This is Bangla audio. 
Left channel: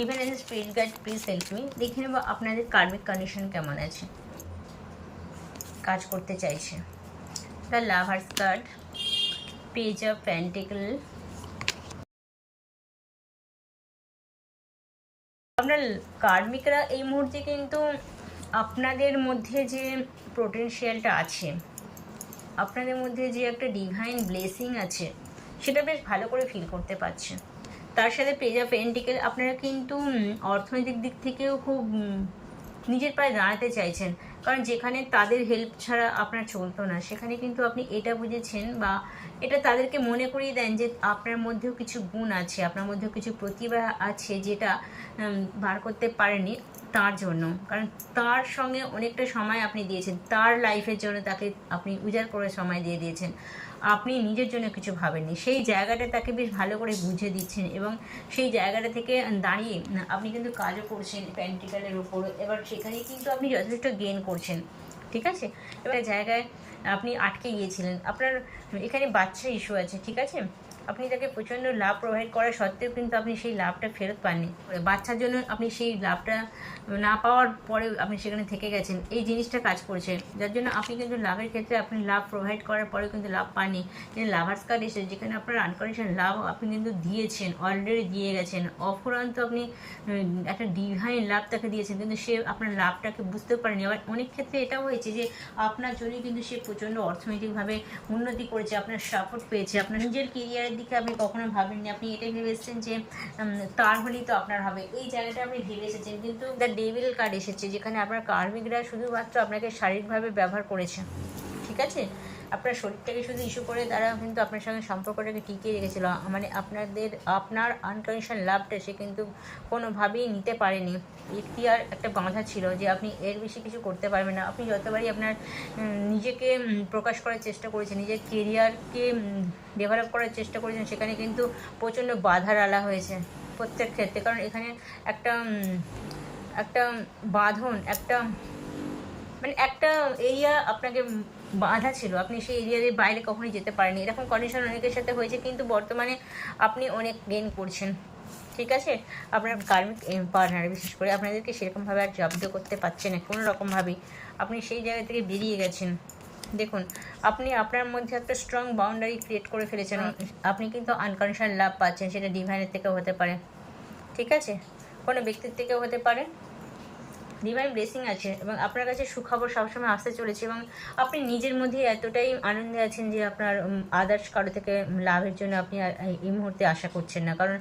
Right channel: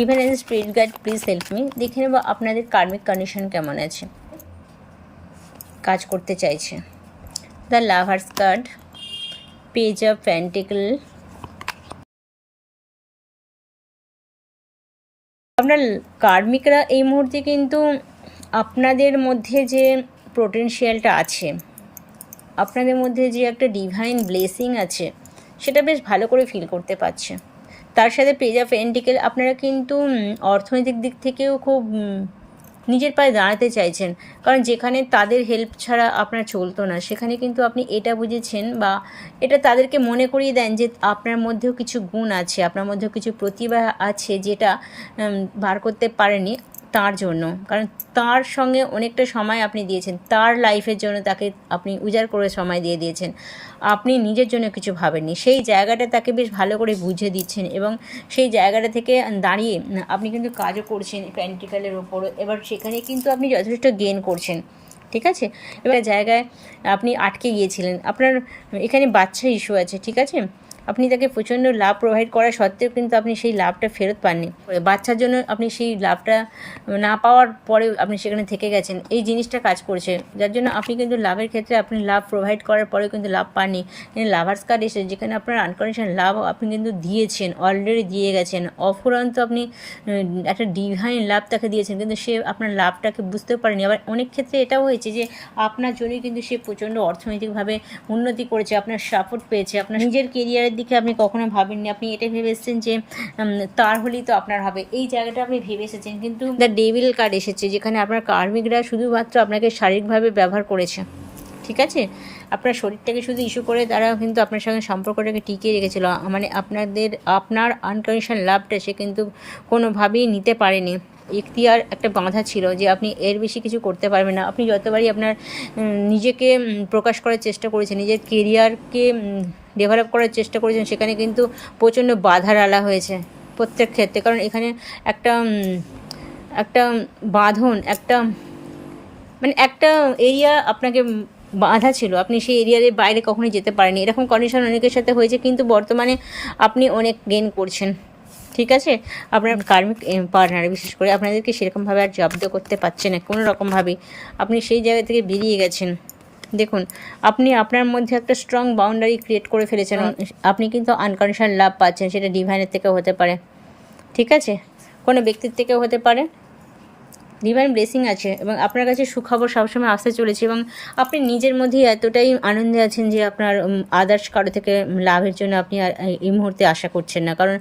Even as spirit guide please help me দেখে নেব আপনাদের কার্মিক কন্ডিশন কেমন আছে। কাজ করতে চাইছে। The lovers card page of pentacles আপনার কার্মিকরা এই মুহূর্তে কিন্তু আপনাদের মধ্যে যে পোটেনশিয়ালটা আছে, আপনাদের মধ্যে যে একটা ডিভাইন ব্লেসিং আছে, সেটা বেশ ভালো করে ফিল করতে পারছে। তার সাথে পেজ অফ এন্টিকেল আপনারা কিন্তু অর্থনৈতিক দিক থেকেও খুব নিজের পায়ে দাঁড়াতে চাইছেন। কারণ যেখানে তাদের হেল্প ছাড়া আপনার চলতো না, সেখানে কিন্তু আপনি এটা বুঝেছেন বা এটা তাদেরকে মনে করিয়ে দেন যে আপনার মধ্যেও কিছু গুণ আছে, আপনার মধ্যেও কিছু প্রতিভা আছে যেটা বার করতে পারেনি। তার জন্য। কারণ তার সঙ্গে অনেকটা সময় আপনি দিয়েছেন। তার লাইফের জন্য তাকে আপনি উজাড় করে সময় দিয়ে দিয়েছেন। আপনি নিজের জন্য কিছু ভাবেননি। সেই জায়গাটা তাকে বেশ ভালো করে বুঝে দিচ্ছেন এবং সেই জায়গাটা থেকে দাঁড়িয়ে আপনি কিন্তু কাজও করছেন প্র্যাকটিক্যালের ওপরও এবার সেখানে কিন্তু আপনি যথেষ্ট গেন করছেন। ঠিক আছে? এবার জায়গায় আপনি আটকে গিয়েছিলেন। আপনার এখানে বাচ্চা ইস্যু আছে। ঠিক আছে? আপনি তাকে প্রচণ্ড লাভ প্রোভাইড করা সত্ত্বেও কিন্তু আপনি সেই লাভটা ফেরত পাননি। বাচ্চার জন্য আপনি সেই লাভটা না পাওয়ার পরে আপনি সেখানে থেকে গেছেন। এই জিনিসটা কাজ করছে। যার জন্য আপনি কিন্তু লাভের ক্ষেত্রে আপনি লাভ প্রোভাইড করার পরেও কিন্তু লাভ পাননি। লাভার্স কার্ড এসে যেখানে আপনার আনকন্ডিশন লাভ আপনি কিন্তু দিয়েছেন অলরেডি দিয়ে গেছেন। অফুরন্ত আপনি একটা ডিভাইন লাভ তাকে দিয়েছেন। কিন্তু সে আপনার লাভটাকে বুঝতেও পারেনি। আবার অনেক ক্ষেত্রে এটাও হয়েছে যে আপনার জন্যই কিন্তু সে প্রচণ্ড অর্থনৈতিকভাবে উন্নতি করেছে, আপনার সাপোর্ট পেয়েছে, আপনার নিজের কেরিয়ারের দিকে আপনি কখনো ভাবেননি। আপনি এটা ভেবে এসেছেন যে তার হলেই তো আপনার হবে। এই জায়গাটা আপনি ভেবে এসেছেন। কিন্তু দ্য ডেভিল কার্ড এসেছে, যেখানে আপনার কার্মিকরা শুধুমাত্র আপনাকে শারীরিকভাবে ব্যবহার করেছে। ঠিক আছে? আপনার শরীরটাকে শুধু ইস্যু করে তারা কিন্তু আপনার সঙ্গে সম্পর্কটাকে টিকিয়ে রেখেছিল। মানে আপনাদের, আপনার আনকন্ডিশন লাভটা সে কিন্তু কোনোভাবেই নিতে পারেনি। ইখতিয়ার একটা বাঁধা ছিল যে আপনি এর বেশি কিছু করতে পারবেন না। আপনি যতবারই আপনার নিজেকে প্রকাশ করার চেষ্টা করেছেন, নিজের কেরিয়ারকে ডেভেলপ করার চেষ্টা করেছেন, সেখানে কিন্তু প্রচণ্ড বাধার আলা হয়েছে প্রত্যেক ক্ষেত্রে। কারণ এখানে একটা একটা বাঁধন, একটা মানে একটা এরিয়া আপনাকে বাঁধা ছিল। আপনি সেই এরিয়ার বাইরে কখনোই যেতে পারেনি এরকম কন্ডিশন অনেকের সাথে হয়েছে কিন্তু বর্তমানে আপনি অনেক গেন করছেন। ঠিক আছে? আপনার কার্মিক পার্টনার বিশেষ করে আপনাদেরকে সেরকমভাবে আর জব্দ করতে পারছে না কোনো রকমভাবেই। আপনি সেই জায়গা থেকে বেরিয়ে গেছেন। দেখুন আপনি আপনার মধ্যে একটা স্ট্রং বাউন্ডারি ক্রিয়েট করে ফেলেছেন। আপনি কিন্তু আনকন্ডিশনাল লাভ পাচ্ছেন সেটা ডিভাইনের থেকেও হতে পারে। ঠিক আছে? কোনো ব্যক্তির থেকেও হতে পারে। ডিভাইন ব্লেসিং আছে এবং আপনার কাছে সুখবর সবসময় আসতে চলেছে এবং আপনি নিজের মধ্যেই এতটাই আনন্দে আছেন যে আপনার আদার্স কারও থেকে লাভের জন্য আপনি এই মুহূর্তে আশা করছেন না। কারণ